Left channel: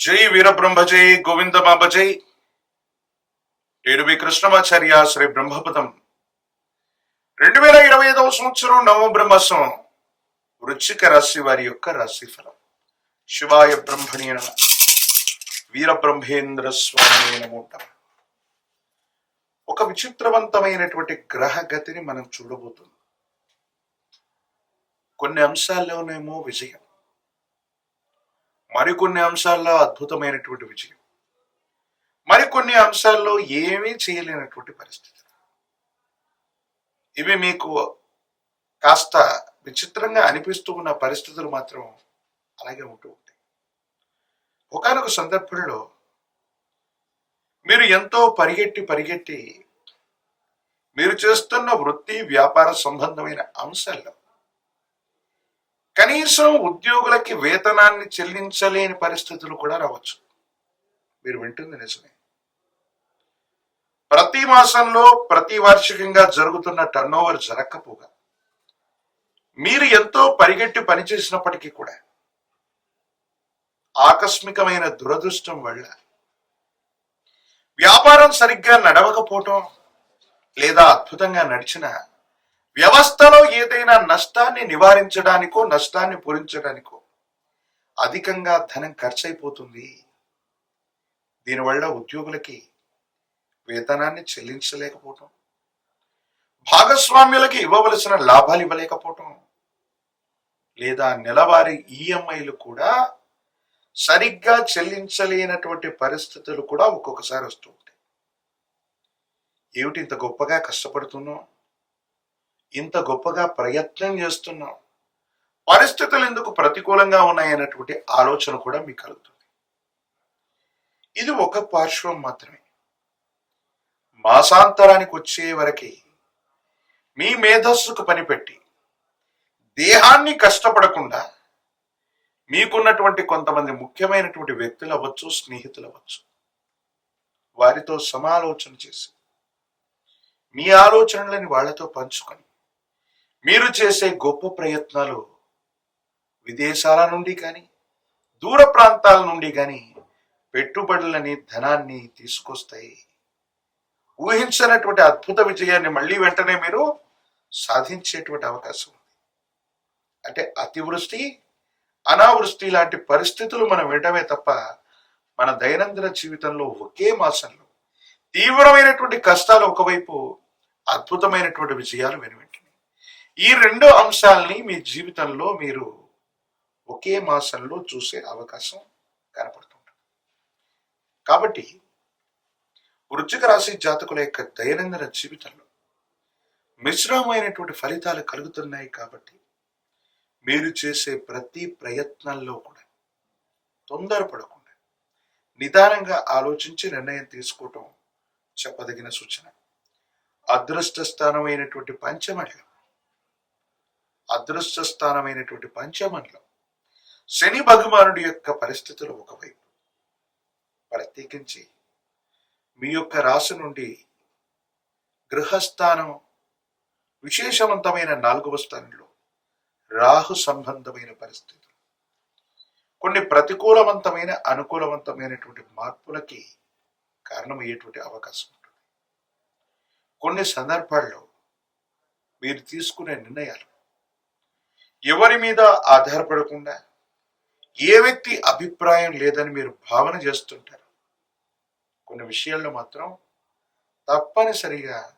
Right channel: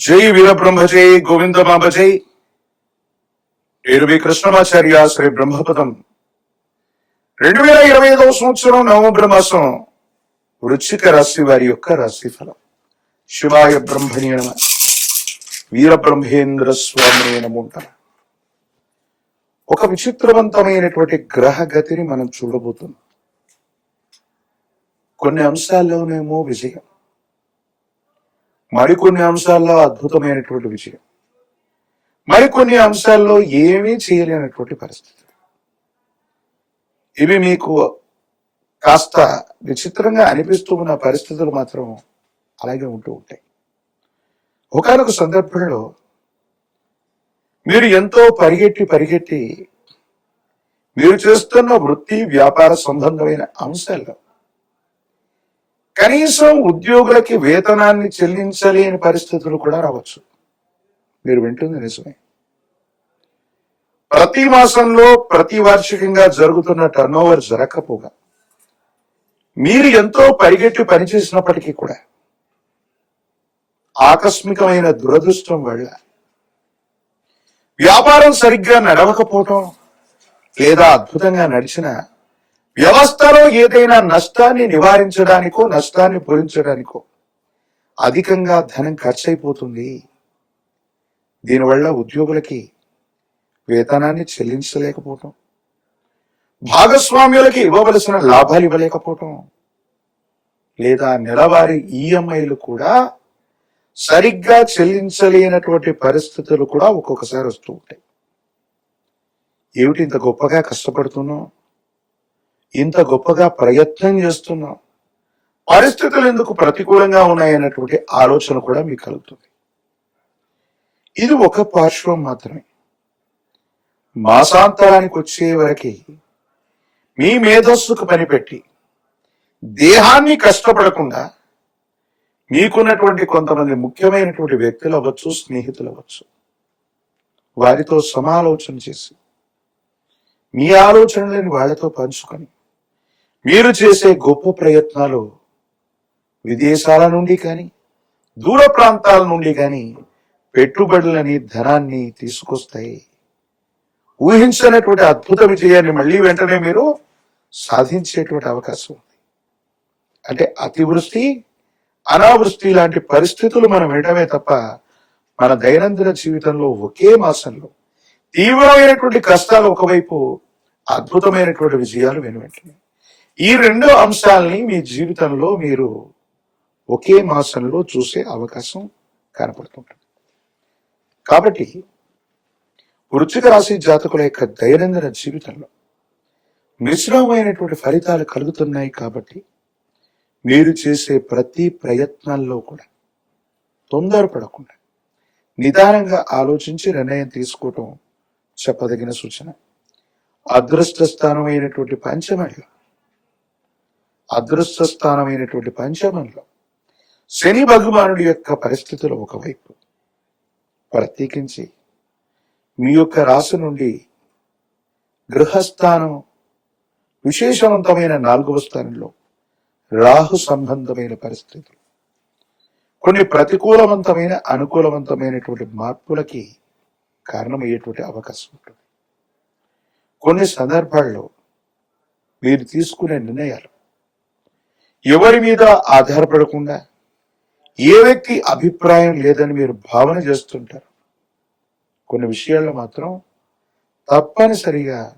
జై వీరబ్రహ్మ జై గోవింద బాబ జై ఏడువి కృష్ణమాచార్య శ్రీ బ్రహ్మపదం. రెండు వేల ఇరవై ఐదవ సంవత్సరం నవంబర్ మాసం వృశ్చిక రాశి వారి యొక్క రాశి ఫలం శివాయ బ్రహ్మణ్య వీరబ్రహ్మేంద్ర స్వామి నముంట ఒక విచిత్రవంతమైనటువంటి గ్రహ గతిని మనం చూడబోతున్నాం. కొన్ని అంశాల్లోనేమో విజయం. మరికొన్ని అంశాల్లో అద్భుతమైనటువంటి విజయం. మరికొన్ని అంశాల్లో ఏమీ చేయలేనటువంటి పరిస్థితి. ఇవి మీకు కాస్త విచిత్రంగా అనిపిస్తూ ఉన్న పరిస్థితులు మాత్రం అలాగే ఉంటూ ఉంటాయి. ఒకనొక సందర్భంలో మీరు ఎంతో పరిగెట్టి పరిగెట్టి మీరు చేస్తున్న వృత్తి వ్యాపార సంబంధమైన అంశాల్లో కనీసం ఉద్యోగులకి వేతనాన్ని చెల్లించలేని పరిస్థితులు కూడా రావచ్చు. మీరు వింటుంది నిజమే. ప్రతి మాసంలో ప్రతి వార్షికంగా జరుగుతున్న టర్న్ ఓవర్ జరగకపోగా మీరు ఎంతో పరిగెట్టి పనిచేసినప్పటికీ కూడా ఆకస్మికమైన దురదృష్టం వల్ల వ్యాపారం సరిగ్గా నడవకపోవటం లేదా అద్భుతంగా నడిచిన వ్యవస్థలో ఏదైనా నష్టాన్ని నివారించడానికో నష్టాన్ని పూరించడానికో అధికంగా ధనం ఖర్చు అయిపోతుంది దీనివల్ల ఉద్యోగులకి వేతనాన్ని చెల్లించలేకపోవటం భాగస్వామ్యులకి ఇవ్వవలసిన లాభాలు ఇవ్వలేకపోవటం లేదా నెలవారీ ఈఎంఐలు కూడా సరిగ్గా చెల్లించలేనటువంటి పరిస్థితులు కూడా ఒక్కొక్కసారి వస్తూ ఉంటాయి. ఏమిటి ఇంత గొప్పగా కష్టపడుతున్నాం? ఇంత గొప్పగా ప్రయత్నం చేస్తున్నాం పరిస్థితులు ఎందుకు ప్రతికూలంగా ఉన్నాయన్నటువంటి ఆలోచన కూడా మీకు కలుగుతుంది. ఇది ఒక పార్శ్వం మాత్రమే. మాసాంతరానికి వచ్చే వరకు మీ మేధస్సుకు పనిపెట్టి దేహాన్ని కష్టపడకుండా మీకున్నటువంటి కొంతమంది ముఖ్యమైనటువంటి వ్యక్తులు అవ్వచ్చు స్నేహితులు అవ్వచ్చు. వారితో సమాలోచన చేసి మీ ఆలోచనలని వాళ్ళతో పంచుకొని మీరు చేసే గొప్ప ప్రయత్నాలు విదేశాల నుండి కానీ దూర ప్రాంతాల నుండి కానీ పెట్టుబడులని ధనాన్ని తీసుకొస్తాయి. ఊహించినటువంటి అద్భుత విజయాన్ని మళ్ళీ వెంటనే మీరు సాధించేటువంటి అవకాశం ఉంది. అంటే అతివృష్టి అనావృష్టి లాంటి పరిస్థితులు మనం వినడమే తప్ప మన దైనందిన జీవితంలో ఒకే మాసంలో తీవ్రమైనటువంటి కష్టాలు ఒకవైపు అద్భుతమైనటువంటి విజయాలు వెనువెంటనే. ఈ రెండు అంశాలని మీ జీవితంలో మీరు ఒకే మాసంలో చూసే అవకాశం కనపడుతుంటుంది. కాబట్టి వృశ్చిక రాశి జాతకుల యొక్క దైనందిన జీవితంలో మిశ్రమమైనటువంటి ఫలితాలు కలుగుతున్నాయి కాబట్టి మీరు చేసే ప్రతి ప్రయత్నాల్లో కూడా తొందరపడకుండా నిదానంగా ఆలోచించి నిర్ణయం తీసుకోవటం చెప్పదగిన సూచన. అదృష్ట స్థానమైనటువంటి పంచమడిగా అదృష్ట స్థానమైనటువంటి పంచమంలో శని భగవానుడి యొక్క పరిస్థితులు ఒకవైపు. ప్రత్యేకించి మీ యొక్క రాశి నుండి గృహస్థానం విశేషవంతమైన నాలుగవ స్థానంలో రాహు సంబంధమైన పరిస్థితులు. కొన్ని ప్రతికూలవంతమైన అనుకూలవంతమైనటువంటి మార్పులకి కారణమయ్యేటువంటి అవకాశం ఉంటుంది. కొన్ని సందర్భాల్లో మీరు తీసుకునే నిర్ణయాలు ఎవరి మీద ఆధారపడకుండా ఏ వ్యక్తి అభిప్రాయం లేదని మీరు భావన చేస్తుంటారు? కొన్ని విషయాల్లో మాత్రం తప్పనిసరిగా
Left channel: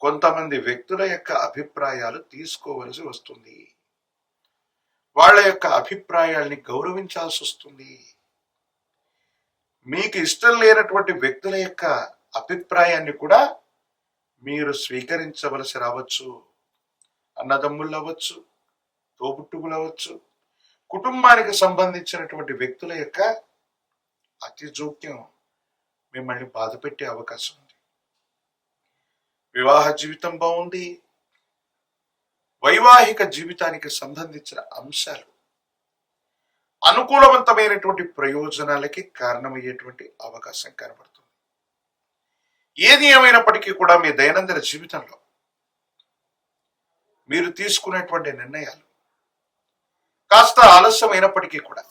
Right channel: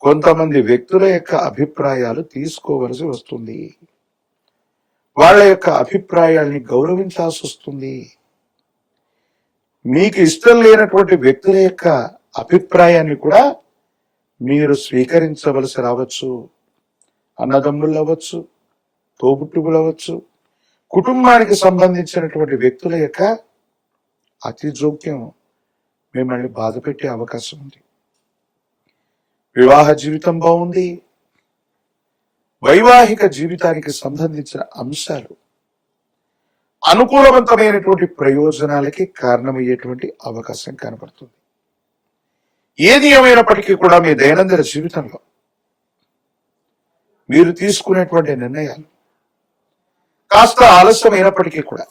కొంతమంది వ్యక్తుల యొక్క అభిప్రాయాలు తీసుకోవలసి వస్తుంది. వాళ్ళ యొక్క అభిప్రాయాల్ని గౌరవించాల్సి వస్తుంది. మీకు ఇష్టం లేనటువంటి వ్యక్తుల యొక్క అభిప్రాయాన్ని కూడా మీరు స్వీకరించవలసి రావచ్చు. అన్నదమ్ములు అవ్వచ్చు తోబుట్టువులు అవ్వచ్చు కుటుంబానికి సంబంధించినటువంటి వ్యక్తుల యొక్క అతి జోక్యం మిమ్మల్ని బాధ పెట్టే అవకాశం ఉంది. వివాహ జీవితం బాగుంది. వైవాహిక జీవితానికి సంబంధించిన అంశాలు అనుకూలవంతమైనటువంటి ప్రయోజనాలకి కారణమయ్యేటువంటి అవకాశం కనబడుతుంది. ఏది ఏమైనప్పటికీ కూడా మీ దైనందిన జీవితంలో మీరు తీసుకునేటువంటి నిర్ణయాలు కాస్త ఆలస్యమైనప్పటికీ కూడా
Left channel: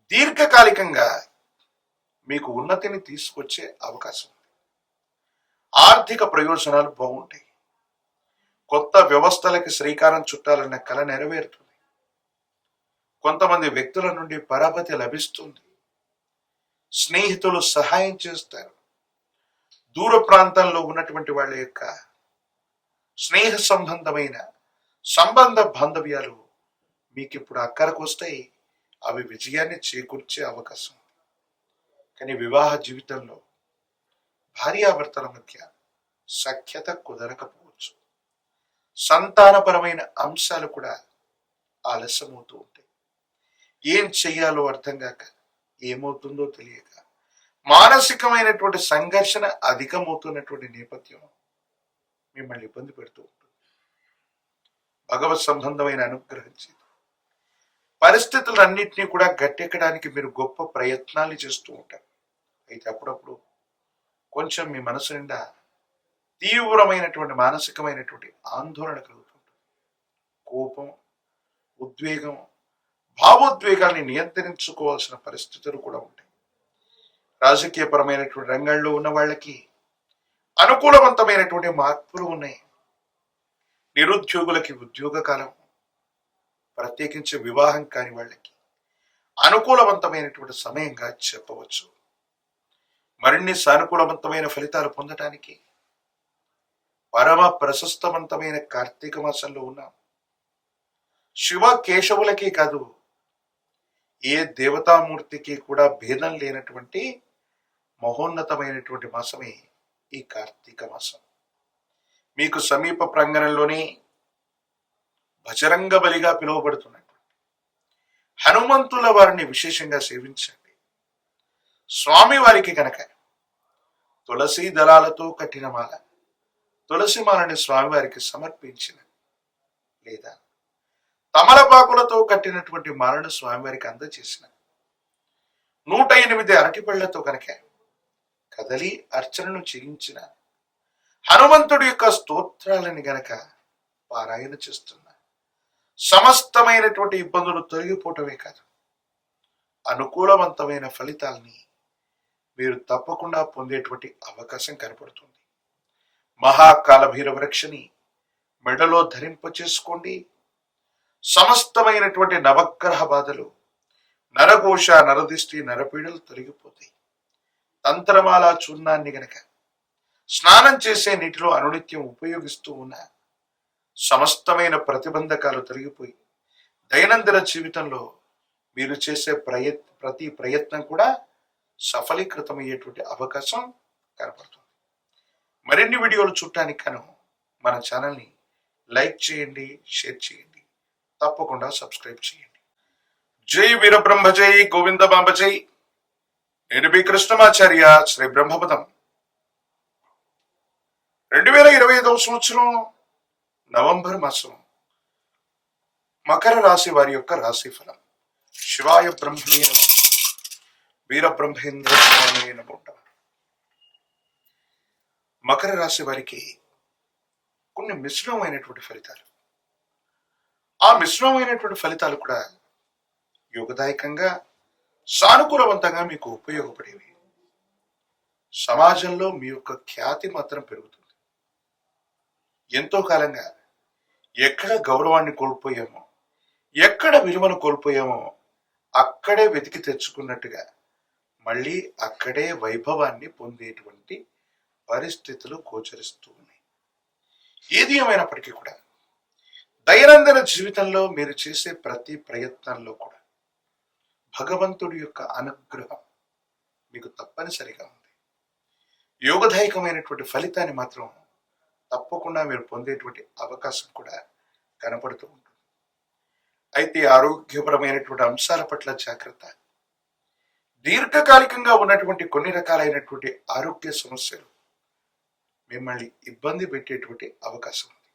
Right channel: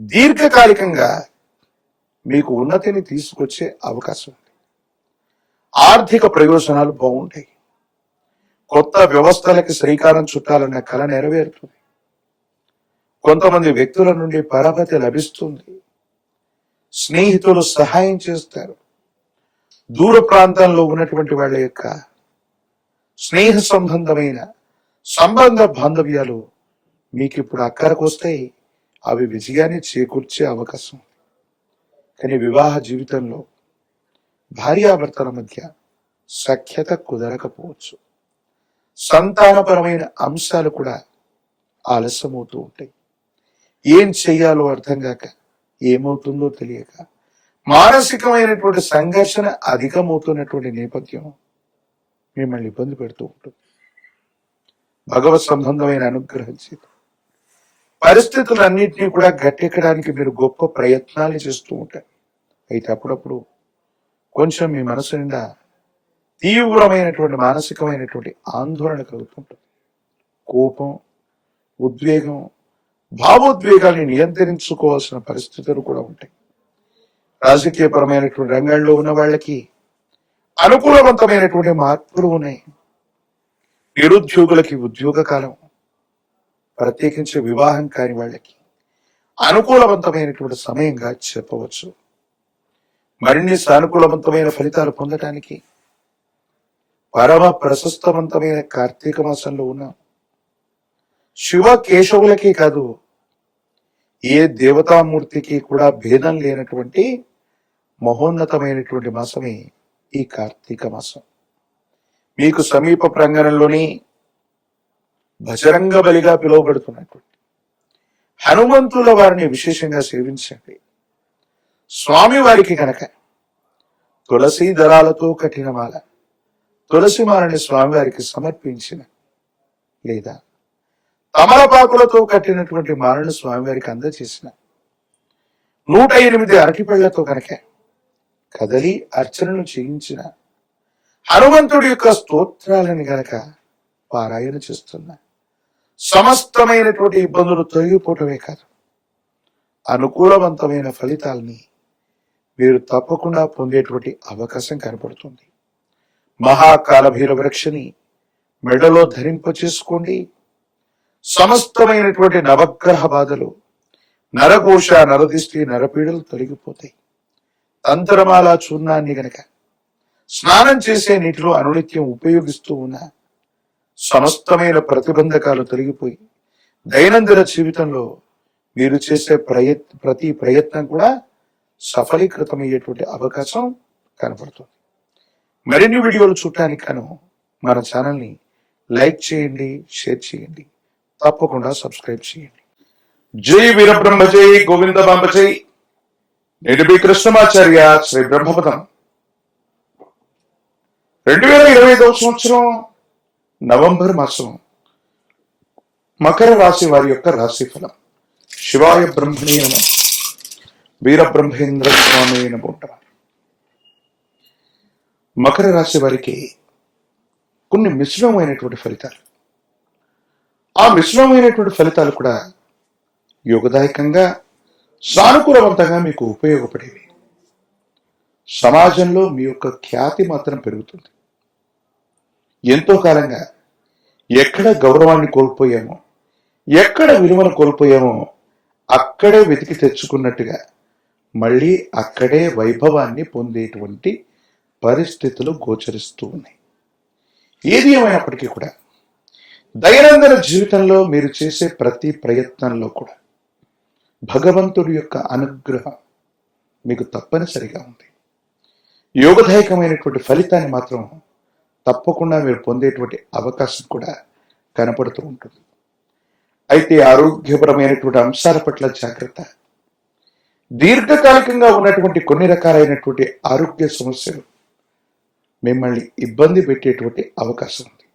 దీర్ఘకాలికంగా మీకు ఉన్నతిని తీసుకొచ్చే అవకాశం ఉంది. ఆర్థిక ప్రయోజనాలు బాగుంటాయి. కొత్త వ్యవస్థలకు శ్రీకారం చుట్టాలనే కళ నెరవేరుతుంది. కొంతమంది వ్యక్తుల నుండి పరాపతి లభిస్తుంది. స్నేహితులు సహాయం చేస్తారు. దూర ప్రాంతాల్లో ఉన్నటువంటి వాళ్ళ యొక్క స్నేహ సంబంధమైన సంబంధ బాంధవ్యాలు మీకు ఇప్పుడు అక్కడికి వస్తాయి అవి విజయాన్ని చేకూర్చే అవకాశం ఉంది. కానీ వివాహ జీవితంలో భార్యాభర్తల మధ్య సఖ్యత కుదరకపోవచ్చు. సంతానపరమైన అంశాలు కూడా ఆలస్యమవుతూ ఉంటాయి. ఏం చెయ్యాలో అర్థం కాక ఏమవుతుందో తెలియక మానసికమైనటువంటి సంఘర్షణ అధికమవుతున్నటువంటి నేపథ్యం మిమ్మల్ని ఇబ్బంది పెడుతూ ఉంటుంది. భగవత్ సంబంధమైన అనుగ్రహం చేత పరిస్థితులన్నింటినీ కూడా గట్టెక్కడానికి మీరు గొప్ప ప్రయత్నాలు చేస్తూ ఉంటారు. అయితే అప్పుడప్పుడు కొంచెం మీ మనసు నిండా తీవ్రమైనటువంటి మానసికమైనటువంటి ఆందోళన కలుగుతుంటుంది. కోపం ఉద్వేగం భావోద్వేగాన్ని నియంత్రించుకోవాల్సిన పరిస్థితులు కూడా ఉంటాయి. రాజకీయపరమైనటువంటి రంగాల్లో ఉన్న వాళ్ళకి అనుకూలవంతమైనటువంటి మార్పులు ఉన్నాయి. నిరుద్యోగులకి ఉద్యోగ కాలం ప్రత్యేకించి వివాహం కాని వాళ్ళకి అనుకూలవంతమైనటువంటి సమయంగా చెప్పవచ్చు. మరిన్ని సానుకూలవంతమైన ఫలితాలు పొందటానికి పరమ ప్రశస్తవంతమైన కార్తీక మాసంలో ఉన్నాం శివ కేశవులకి కాదు ఏ దేవతామూర్తికి కూడా భేదం లేనటువంటి మహోన్నతమైనటువంటి మాసమే ఈ కార్తీక మాసం. మీకు సమీప ప్రాంగణంలోని బజరంగ బలిగా పిలువబడుతున్నటువంటి హనుమంతుల వారిని విశేషంగా సేవించండి. స్వామి వారికి కనుక తులసి దళాలతో కట్టిన మాల తులసి మాలని స్వామివారికి సమర్పించిన లేదా తమలపాకులతో కట్టినటువంటి మాలను స్వామివారికి అందజేసిన నూట ఎనిమిది అరటిపళ్ళతో కనుక కదలి అర్చనను చేయించిన హనుమంతుడి యొక్క స్తోత్రాలని గనక పారాయణ చేస్తున్న సమస్తమైనటువంటి ఇబ్బందులు తొలగిపోవటమే కాదు. అనుకూలవంతమైన ఫలితాల్ని మీరు తప్పకుండా పొందేటువంటి అవకాశం కనపడుతుంది. మహాకాలభైర వృక్షని మెడలో ధరింప చేసుకోండి సమస్తమైనటువంటి నవగ్రహ బాధలు నరఘోష నరదిష్టి నరపీడలు తొలగిపోతాయి. తంత్రమాల చూర్ణాన్ని గనక స్నానం చేసే నీటిలో అనునిత్యం ఉపయోగిస్తూ ఉన్న సమస్తమైన ప్రతిబంధకాలు తొలగిపోయి దైనందిన జీవితంలో మీరు చేసే ప్రయత్ ప్రతి ప్రయత్నం కూడా సఫలీకృతమయ్యేటువంటి అవకాశం కనపడుతుంది. మరిన్ని వీడియోలు చూడటానికి గాను మన ఛానల్ని లైక్ చేయండి షేర్ చేయండి తప్పకుండా సబ్స్క్రైబ్ చేయండి. జై వీరబ్రహ్మ జై గోవింద జై. నిడిపి కృష్ణమాచార్య శ్రీ బ్రహ్మపదం రెండు వేల ఇరవై ఐదవ సంవత్సరం నవంబర్ మాసం మకర రాశి వారి యొక్క రాశి ఫలం. శివాయ బ్రహ్మణీయ నమః. వీర బ్రహ్మేంద్ర స్వామి నమోట. మకర రాశి వారికి కొన్ని మిశ్రమమైనటువంటి ఫలితాలు. ఆ మిశ్రమైనటువంటి ఫలితాలు కూడా యోగదాయకంగా సానుకూలవంతంగా మీకు ఉపయోగపడేవి. సమాజంలో మీ యొక్క ఖ్యాతి మాత్రం పెరుగుతుంది. ఎంతో కాలంగా ఎక్కడ గౌరవాన్ని కోల్పోయామో ఎక్కడ విలువను కోల్పోయామో అక్కడే వెతికి తెచ్చుకున్నట్టుగా మళ్ళీ అక్కడే వైభవాన్ని పొందేటువంటి పరిస్థితులు గోచరిస్తూ ఉన్నాయి. ఏది ఏమైనప్పటికీ కూడా దైనందిన జీవితంలో మీరు చేసే ప్రతి ప్రయత్నంలో కూడా భగవంతుడి యొక్క అనుగ్రహం మీకు తప్పనిసరిగా ఉంది. యోగదాయకమైనటువంటి ఫలితాన్ని మాత్రం తప్పకుండా మీరు పొందేటువంటి అవకాశం కూడా కనపడుతూ ఉంటుంది. అయితే ఆరోగ్యపరమైనటువంటి అంశాల పట్ల జాగ్రత్త. దీర్ఘకాలికంగా ఉన్నటువంటి కొన్ని రకాలైనటువంటి ఆరోగ్య సమస్యలు మిమ్మల్ని ఇబ్బంది పెట్టేటువంటి అవకాశం ఉంది.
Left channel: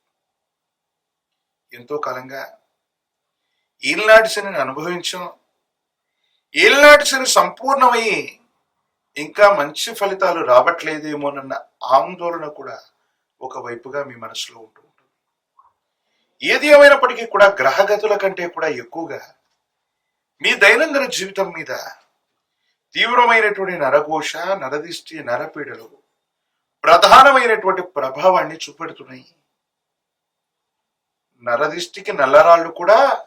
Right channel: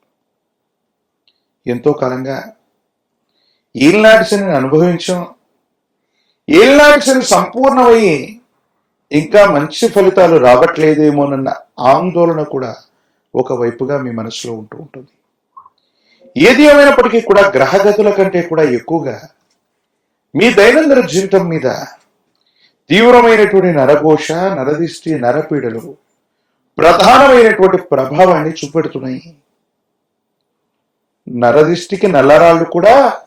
ఎంతో కాలంగా ఈనాటి శని అనుభవించాం. ఈనాటి సంపూర్ణమయ్యి ఇంకా మంచి ఫలితాలు రావట్లేదేమోనన్న ఆందోళన కూడా ఒకవైపుగా మీ మనసులో ఉంటూ ఉంటుంది. ఏది ఏమైనప్పటికీ కూడా గ్రహగతుల కంటే కూడా ఎక్కువగా మీ దైనందిన జీవితం మీద తీవ్రమైనటువంటి నరఘోష నరదిష్టి నరపీడలు ప్రధానమైనటువంటి ప్రభావాన్ని చూపెడుతున్నాయి. నరదిష్టికి నల్లరాళ్ళు కూడా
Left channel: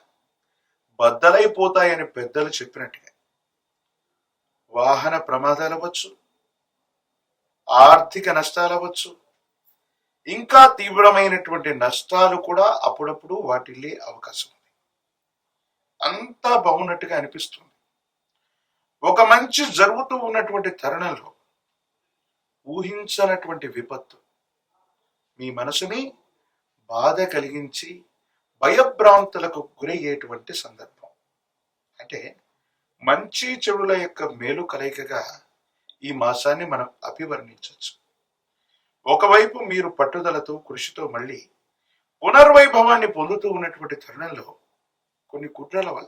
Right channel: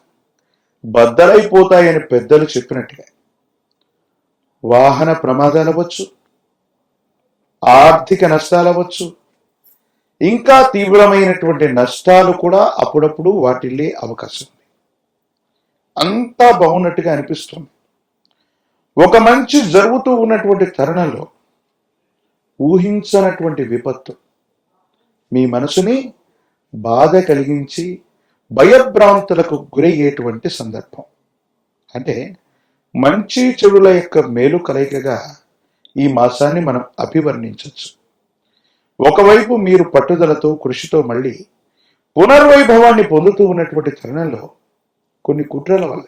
బద్దలైపోతాయని పెద్దలు చెప్పినట్టుగా. వాహన ప్రమాదాలు అవ్వచ్చు ఆర్థిక నష్టాలు అవ్వచ్చు ఇంకా తీవ్రమైనటువంటి నష్టాలు కూడా అప్పుడప్పుడు వాటిల్లే అవకాశం. ఉంది అంతా బాగున్నట్టుగా అనిపిస్తుంది. ఒక మంచి జరుగుతూ ఉన్నటువంటి తరుణంలో ఊహించనటువంటి విపత్తు మీ మనసుని బాధ కలిగించి భయభ్రాంతులకు గురయ్యేటువంటి సందర్భం. అంటే మంచి చెడుల యొక్క మేలు కలయికగా ఈ మాసాన్ని మనం అభివర్ణించవచ్చు. ఒకవైపు మీరు పట్టుదలతో కృషితో మళ్ళీ పునర్వైభవాన్ని పొందుతూ ఉన్నటువంటి తరుణంలో కొన్ని కుట్రల వల్ల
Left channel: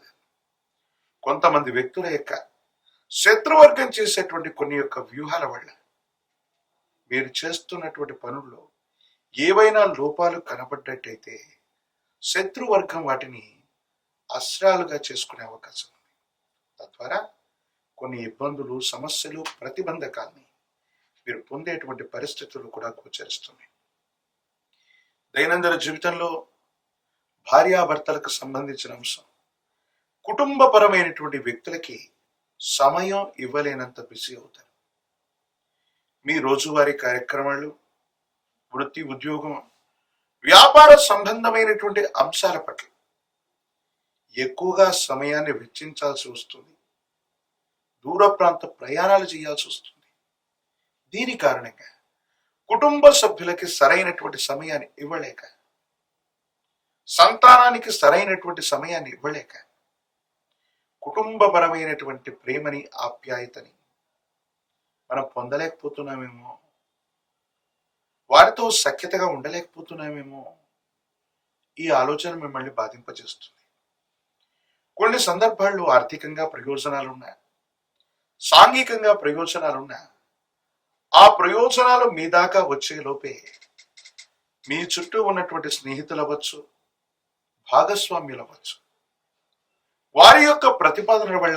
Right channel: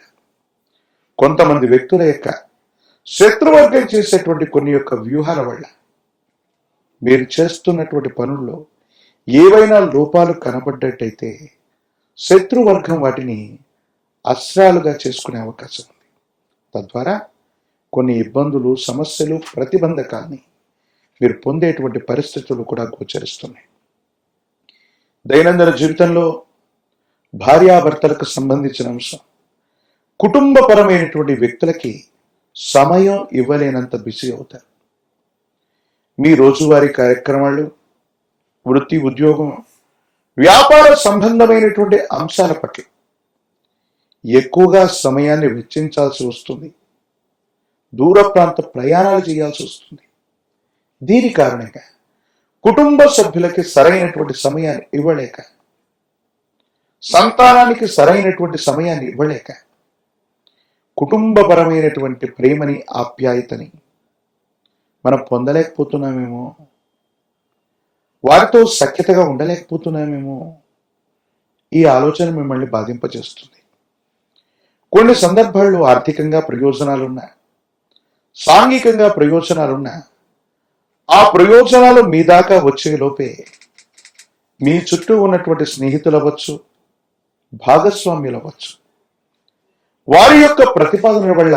కొంతమంది వ్యక్తుల యొక్క శత్రువర్గం చేసేటువంటి కొన్ని యొక్క వ్యూహాల వల్ల మీరు చేస్తున్నటువంటి పనుల్లో ఏవైనా లోపాలు కనబడ్డట్టయితే శత్రువర్గం వాటిని అస్త్రాలుగా చేసుకునే అవకాశం ఉంది. తద్వారా కొన్ని ఇబ్బందులు సమస్యలు ప్రతిబంధకాన్ని మీరు పొందేటువంటి పరిస్థితులు కూడా గోచరిస్తున్నాయి. దైనందిన జీవితంలో భార్యాభర్తలకు సంబంధించిన అంశం. కుటుంబపరమైనటువంటి వ్యక్తులకి సమయం ఇవ్వలేనంత బిజీ అవుతారు. మీ రోజువారీ కార్యక్రమాలు వృత్తి ఉద్యోగం వ్యాపార సంబంధమైనటువంటి అంశాల పట్ల ఎక్కువగా సమయాన్ని వెచ్చించాల్సి వస్తుంది. దూర ప్రాంత ప్రయాణాలు చేయాల్సి వస్తుంది. దీని కారణంగా కుటుంబ సభ్యులకి సరైనటువంటి సమయాన్ని ఇవ్వలేక సంతానానికి సరైనటువంటి సమయాన్ని ఇవ్వలేక కుటుంబపరమైనటువంటి ప్రేమని ఆప్యాయతని మనం పొందలేకపోతున్నామేమో వారితో సఖ్యతగా ఉండలేకపోతున్నామేమో ఈ ఆలోచన మిమ్మల్ని బాధింపజేస్తుంది. కొన్ని సందర్భాల్లో ఆర్థికంగా ప్రయోజనాలున్నా సాంఘికంగా ప్రయోజనాలున్నా ఆ ప్రయోజనాలు మీ దాకా వచ్చే లోపే. మీ చుట్టూ ఉన్నటువంటి స్నేహితులు అవ్వచ్చు భాగస్వామ్యులు అవ్వచ్చు. వారి యొక్క ప్రతిపాదన వల్ల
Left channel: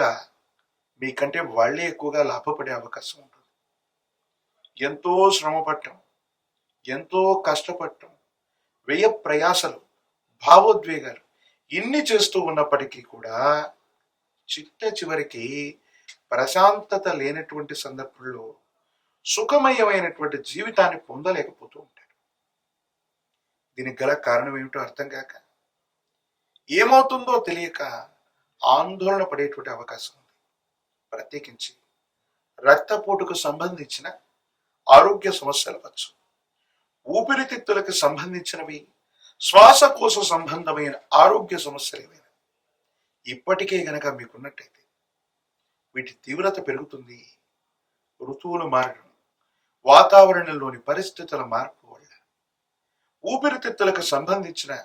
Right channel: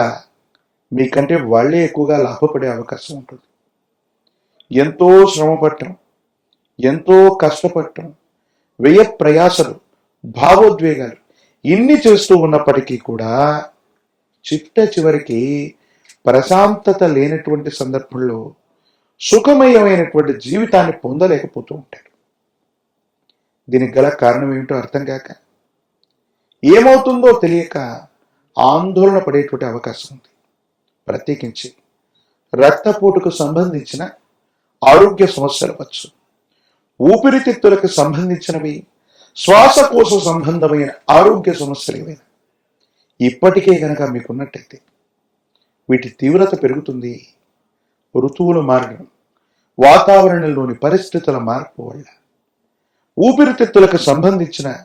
మీకంటే వాళ్ళే ఎక్కువగా లాభపడే అవకాశం ఉంటుంది. ఎంతో శ్రమ పట్టడం ఎంతో కష్టపడటం వ్యయ ప్రయాసలు భావోద్వేగాలు ఇన్ని చేస్తూ ఉన్నప్పటికీ కూడా చిట్ట చివరికి ప్రశాంతత లేనటువంటి సందర్భంలో సుఖమయమైనటువంటి జీవితాన్ని పొందలేకపోతూ ఉంటాడు. దీనికి గల కారణం ఏంటో అర్థం కాక ఏమవుతుందో తెలియక ఆందోళన పడేటువంటి అవకాశం ఉంది. ప్రత్యేకించి రక్తపోటుకు సంబంధించిన ఆరోగ్య సమస్యలు వచ్చు ఊపిరితిత్తులకు సంబంధించినవి శ్వాసకోశ సంబంధమైన ఆరోగ్య సమస్యలు ఇప్పటికే కనుక మీకున్నట్టయితే వీటి తీవ్రత పెరుగుతుంది ఋతువులు మారడం వాతావరణంలోని పరిస్థితుల మార్పు వల్ల. ఊపిరితిత్తులకు సంబంధించిన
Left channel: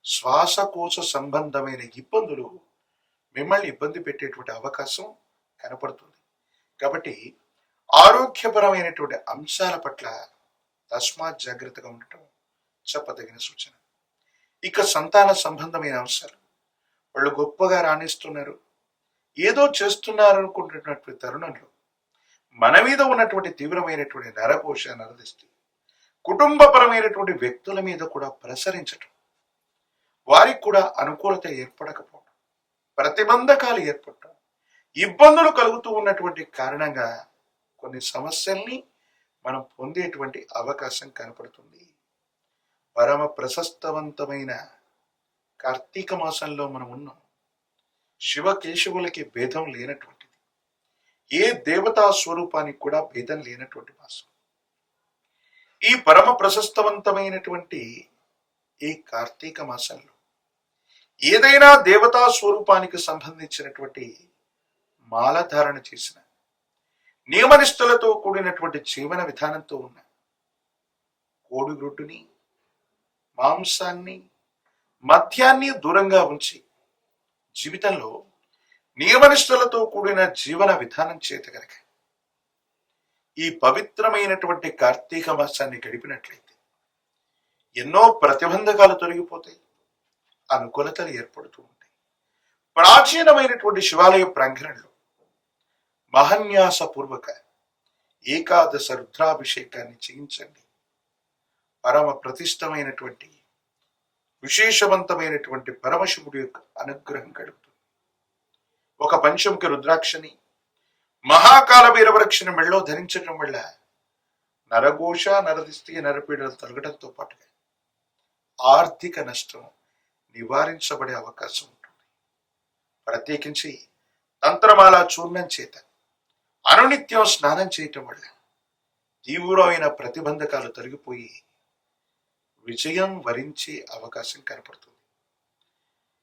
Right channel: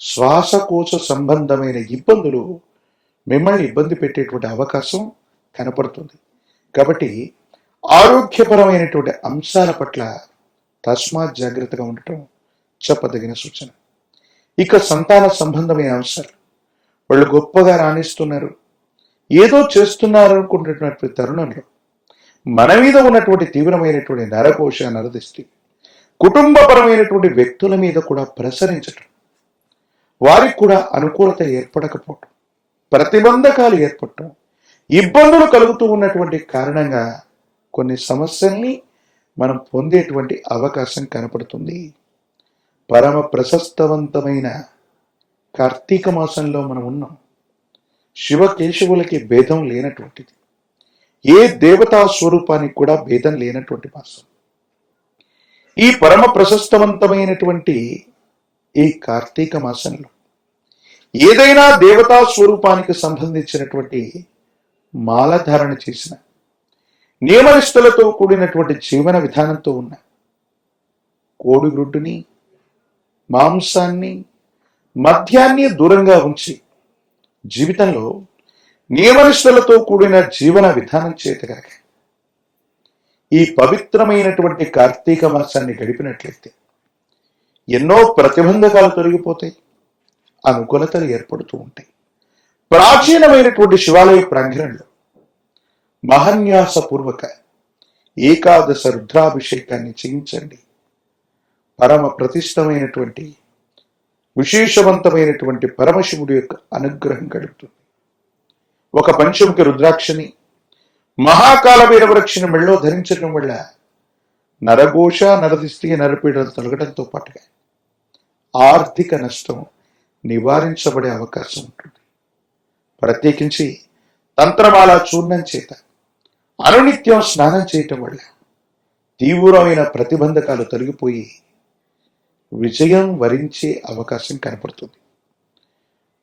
శ్వాసకోశ సంబంధమైన ఇబ్బందులు మిమ్మల్ని ఇబ్బంది పెట్టేటువంటి అవకాశం కనపడుతుంది. కాబట్టి ఆరోగ్యపరమైనటువంటి అంశాల పట్ల తస్మాత్ జాగ్రత్తగా ఉండటం చెప్పదగిన సూచన. ఇక సంతాన సంబంధమైన అంశాలు. వాళ్ళు గొప్పగా రాణిస్తున్నారు. ఏదో చేస్తున్నారు అనుకుంటున్నటువంటి తరుణంలో మన మీద ఉన్నటువంటి తీవ్రమైనటువంటి నరకోశ నరదిష్టి కుటుంబపరమైనటువంటి వ్యక్తుల మీద కూడా ప్రసరించడం వారికి కూడా అనుకూలత ఏర్పడకపోవటం ప్రతిబంధకాలు ఏర్పడటం ఇబ్బందులు కలుగుతూ ఉన్నటువంటి కారణంగా కొన్ని సమస్యల్ని మనం పొందేటువంటి అవకాశం కనపడుతుంది. పరమ ప్రశస్తవంతమైన కార్తీక మాసంలో మనం ఉన్నాం. శివకేశవులకి భేదం లేనటువంటిది. ఏ దేవతా స్వరూపానికి కూడా భేదం లేనటువంటి మాసం ఈ పరమ ప్రశస్తవంతమైనటువంటి ఈ కార్తీక మాసంలో ఏదైనా దేవతా స్వరూపానికి సంబంధించినటువంటి మాలధారణ చేసిన నియమనిష్టలతో కూడినటువంటి జీవన విధానంతో ఉన్న కోడిగుడ్డుని మాంసాన్ని మద్యాన్ని దూరంగా ఉంచి జీవితంలో నియమనిష్టలతో కూడిన జీవన విధానం చేతిగా ఈ పవిత్రమైనటువంటి కార్తీక మాసాన్ని గడిపినట్లయితే ఎన్నో ప్రతిబంధకాలు తొలగిపోతాయి అనుకూలతలు ఏర్పడుతూ ఉంటాయి. ప్రాచీనమైనటువంటి శివాలయ ప్రాంగణంలో మహన్యాసపూర్వక ఏకాదశ రుద్రాభిషేకాన్ని చేయించండి. పరమ ప్రతిష్టమైనటువంటి విశేషవంతమైనటువంటి పరమశివుడి యొక్క అనుగ్రహం కలుగుతుంది. ఒక పంచముఖి రుద్రాక్షని మహాకాలమైన వృక్షణ మెళ్ళో ధరించడం వల్ల నరఘోష నరదిష్టి నరపీడలు తొలగడంతో పాటుగా ఆర్థిక నష్టం నివారించబడే అవకాశం ఉంటుంది. ప్రత్యేకించి తంత్రమాల చూర్ణం చేత అనునిత్యం స్నానం చేయటం వల్ల తీవ్రమైన ప్రతిబంధకాలు తొలగిపోయి విజయం వరించే అవకాశం కనపడుతుంది.